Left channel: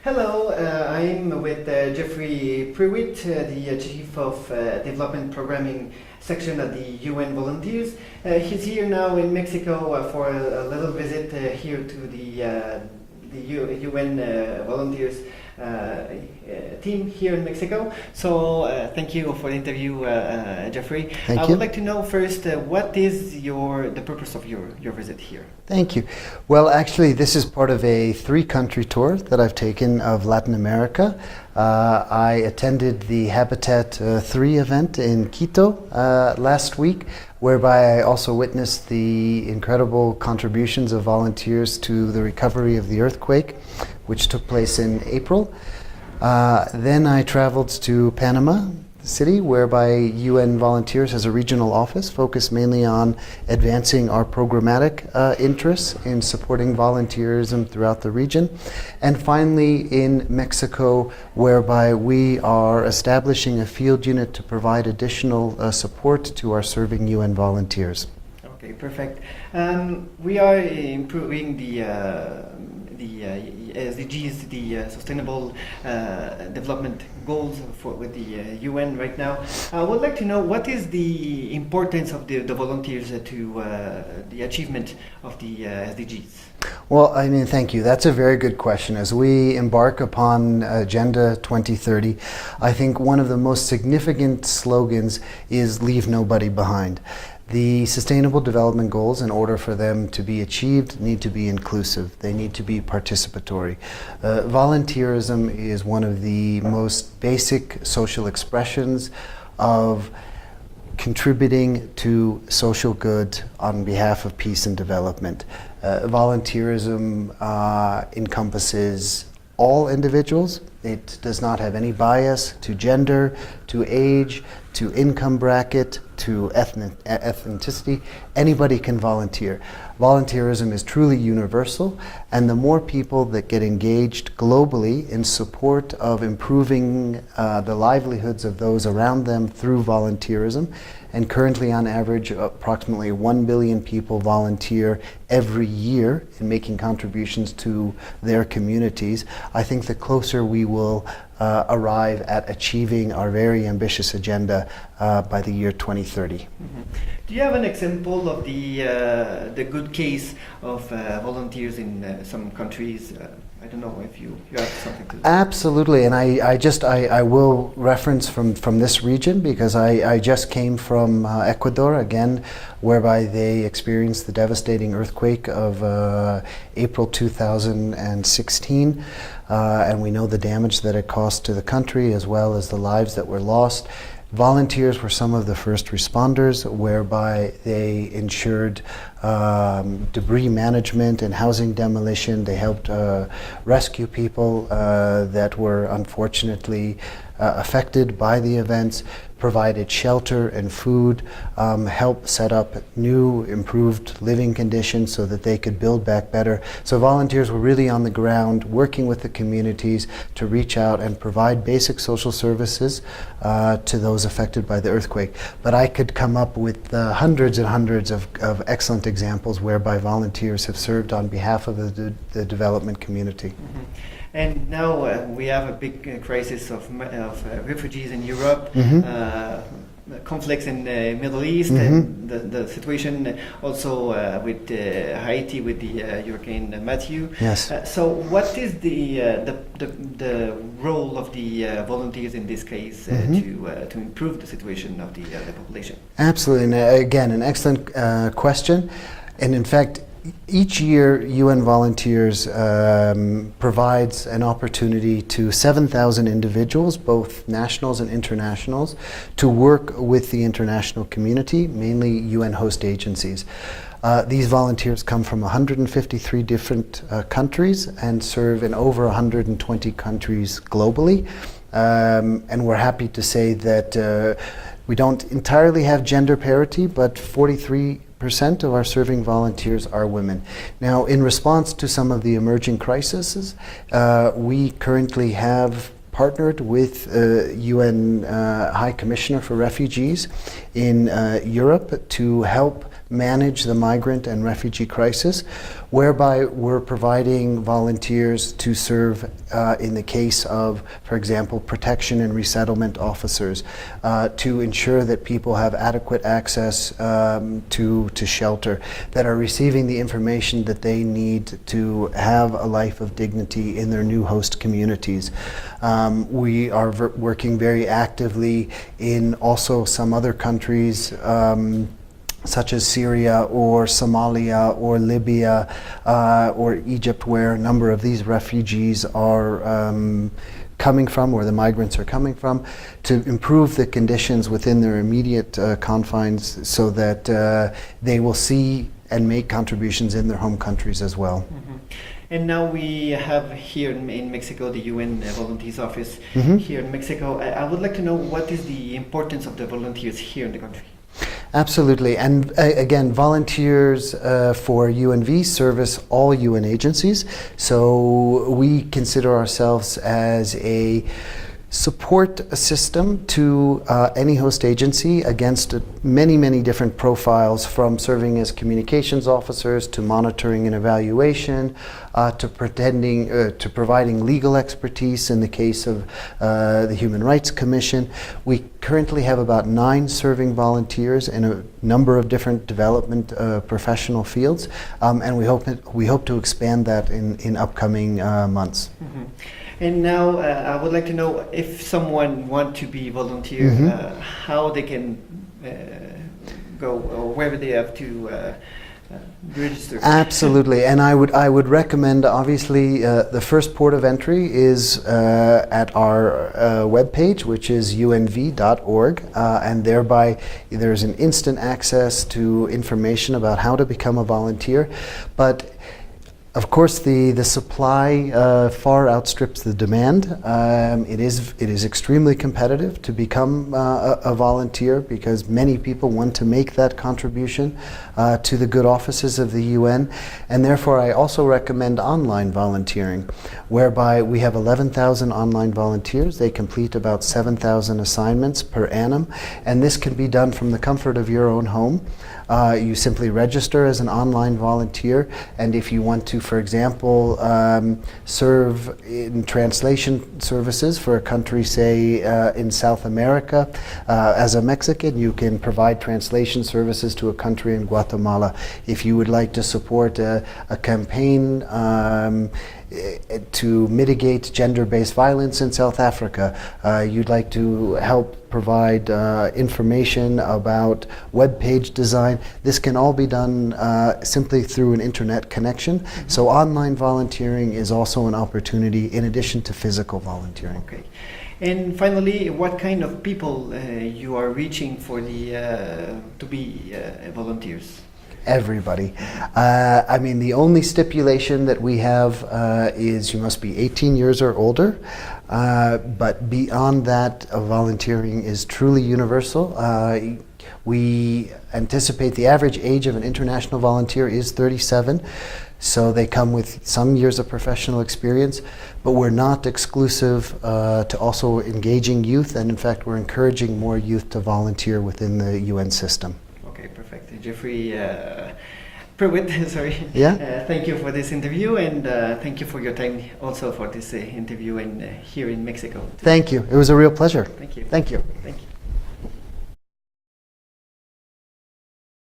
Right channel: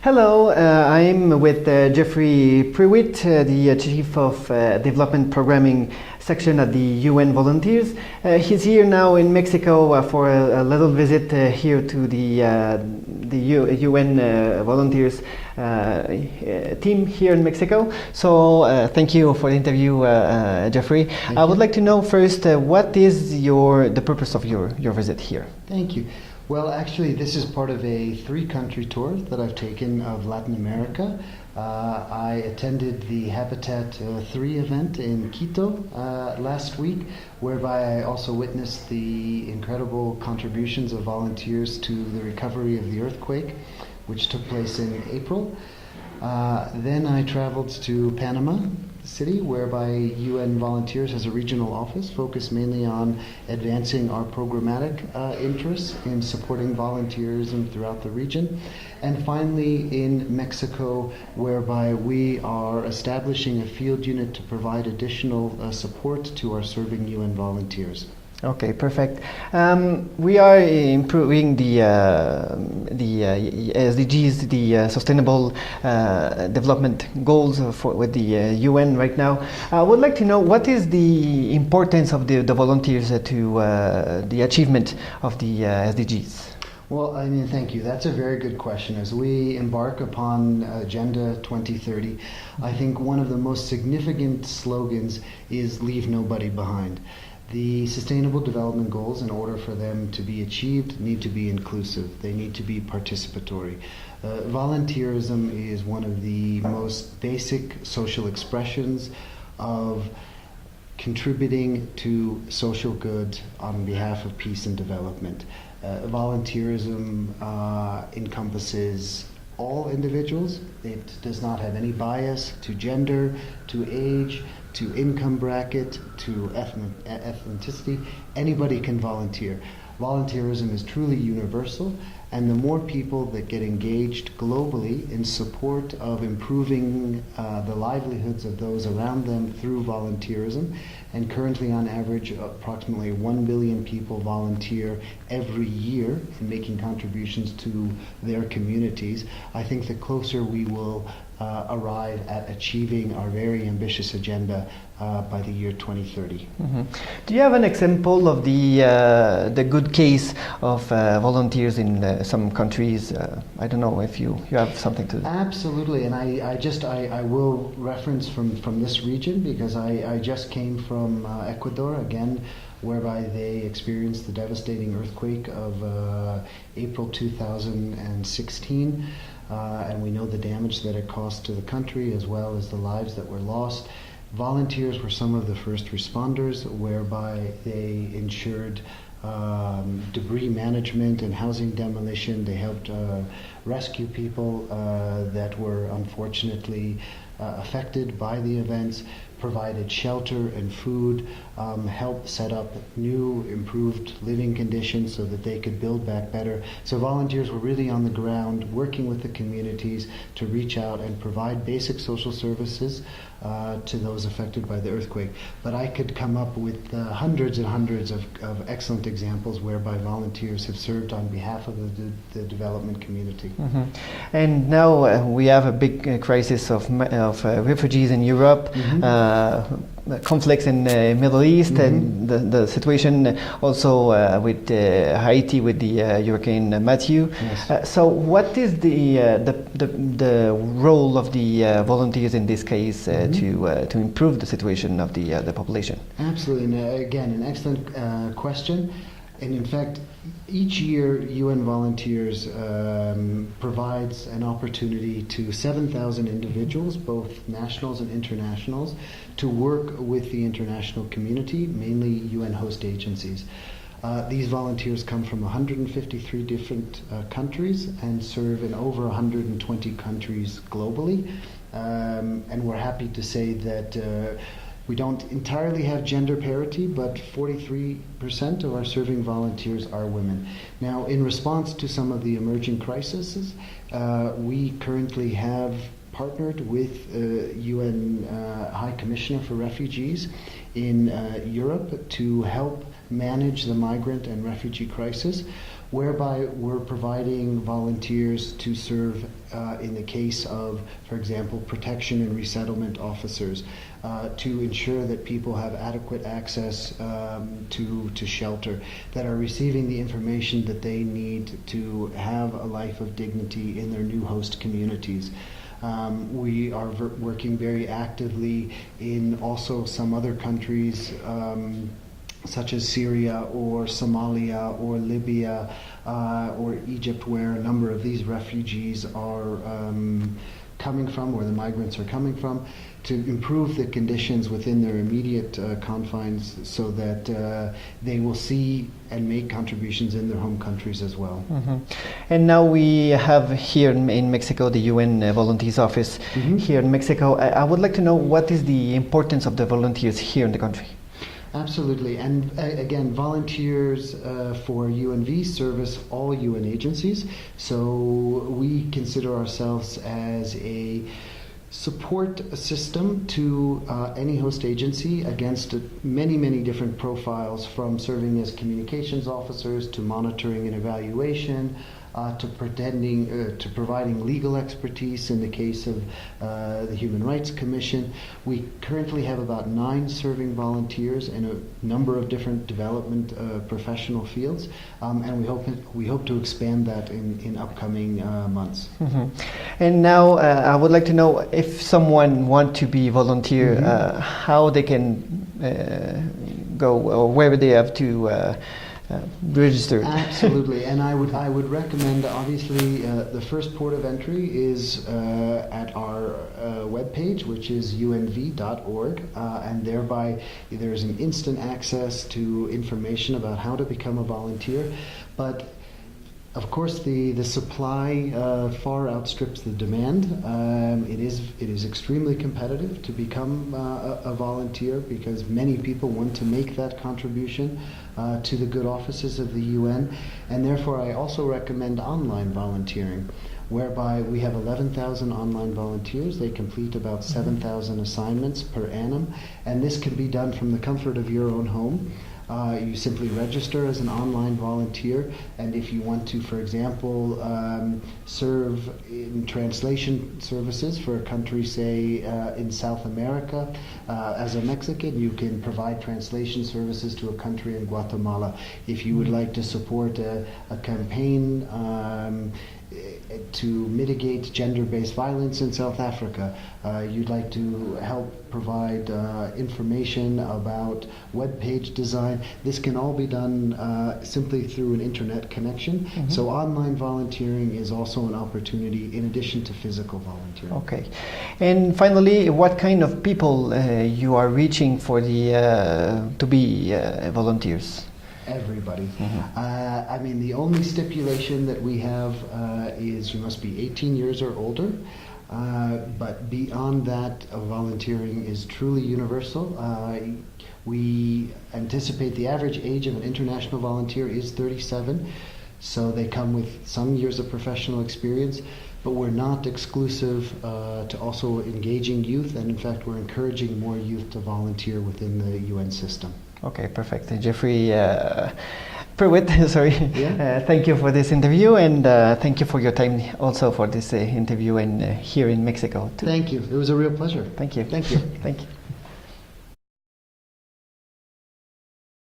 Hello, I'm with Geoffrey Prewitt, the Chief of Development Programming Section at the UN Volunteers. He's here now in Mexico for a little visit here to the UN Volunteers team here in Mexico. So thank you for the interview, Geoffrey. I would like to know first, what is the purpose of your visit here? Thank you. Well, actually, this is part of a 3-country tour that I've taken of Latin America. I attended the Habitat 3 event in Quito last week, whereby I also witnessed the incredible contributions of volunteers to the recovery of the earthquake, which took place in April. Then I traveled to Panama City, whereby UN Volunteers has a regional office focused mainly on advancing our programmatic interests in supporting volunteerism throughout the region. And finally in Mexico, whereby we are establishing a field unit to provide additional support to our serving UN volunteers. Okay, perfect. We are improving the SDGs, the Sustainable Development Goals with the UN right now. I would like to know what is the importance of the volunteers to the achievement of the SDGs? Well, I mean, thank you. That's a very good question. As we embark upon Agenda 2030, I think one of the most significant slogans is "Leave nobody behind." The Sustainable Development Goals, in order for them to be achieved, need to be inclusive. They need to be participatory. Volunteerism is one of the most basic social expressions of contributing to social good on behalf of peace and development. Volunteerism encompasses all individuals. It does not have any bias to gender, to age, to income bracket, to ethnicity. Anybody can volunteer. Volunteerism is truly universal, and the more people that get engaged globally in support of improving the livelihoods of those around them through volunteerism, and currently on average approximately 1 billion people volunteer every year in making contributions to their communities, I think the closer we will arrive at achieving our very ambitious agenda by the year 2030. Mm-hmm. Do you have an example of the good case of volunteers in some countries? I don't know if you have something to. Absolutely, and I will reference from this region because I just came from Ecuador again, whereby they experienced the devastating earthquake of April 2016. And we know the damage that it caused to the country as well as the lives that were lost. Volunteers were some of the first responders, whereby they ensured debris management and housing demolition. They helped rescue people that were unfortunately affected by the events, provided shelter and food, helped set up new, improved living conditions so that they could build back better. So volunteers were really on the ground, working with the communities to reach out and provide basic social services to those affected by the earthquake. But I could come up with hundreds and hundreds of excellent examples whereby volunteers have served on behalf of the development community. Mm-hmm. And now we have a big crisis of refugees in Europe. Mm-hmm. Conflicts in the Middle East, mm-hmm. and the situation also with Haiti with the Hurricane Matthew. Yes. So, what is the role of the volunteers in this case mm-hmm. To improve the situation of the population? Absolutely, and again, an excellent question, and in fact, each year, UN Volunteers provides an opportunity to 7,000 individuals, both nationals and internationals, to work with the international community, mainly UN host agencies. These volunteers come from 153 different countries and serve in over 120 countries globally. And we're happy to say that we don't entirely have gender parity, but 43% of our serving volunteers are women. Now, in response to some of the emerging crises, we currently have partnered with UN High Commissioner for Refugees in Europe to help manage the migrant and refugee crisis, whereby we're providing volunteers to serve in the case of, for example, protection and resettlement officers, to ensure that people have adequate access to shelter, that are receiving the information that they need to have a life of dignity in their new host communities. We are working very actively in also some other countries, such as Syria or Somalia or Libya or Egypt, where a number of these refugees are coming from, or the migrants are coming from, to improve the conditions within their immediate confines, so that they will see and make contributions in their home countries as well. Mm-hmm. And now we have here in Mexico the UN Volunteers Office here in Mexico. I would like to know, what is the importance of the volunteers here in the country? Absolutely, and again, volunteers for UNV service all UN agencies, so we consider ourselves as a support system to any host agency against many different profiles, from serving as communications officers to monitoring and evaluation, to providing legal expertise in the case of the Human Rights Commission. We currently have about 9 serving volunteers in a number of different development professional fields, and we hope to expand that in upcoming months. Mm-hmm. And now I would like to know, if someone wants to be volunteer, how they can go, or where they have to register. Absolutely, and I would recommend, obviously, the first port of entry is at our webpage, which is unv.org, and thereby there's an instant access to information about how to become a volunteer. But of course, the supply far outstrips the demand. It is extremely competitive to become a volunteer, because many people want to make that contribution to the good offices of the UN, and therefore I also recommend online volunteering, whereby we have 11,000 online volunteers. They complete about 7,000 assignments per annum, and this can be done from the comfort of your own home. You simply register as an online volunteer, and if you want to, for example, serve in translation services for a country, say in South America, as a Mexican, you can provide translation services to a country in Guatemala. If you would like to support a campaign to mitigate gender-based violence in South Africa, you'd like to help provide information about web page design, this can all be done simply through an internet connection. So online volunteering is also an opportunity in addition to physical volunteering. Okay. And finally, what kind of people you are reaching for the to be volunteers? Everybody. I mean, the only stipulation that we have is you must be 18 years or older. But beyond that, volunteering is truly universal. We anticipate the average age of an international volunteer is 37, so they come with some years of professional experience, but we're not exclusive to also engaging youth, and in fact we're encouraging more youth to volunteer within the UN system. Okay, perfect. Geoffrey Prewitt, sorry. Yeah. Thank you for this interview, and thank you for your time also for this interview here in Mexico. Thank you. It was a real pleasure. Thank you. Thank you. Thank you.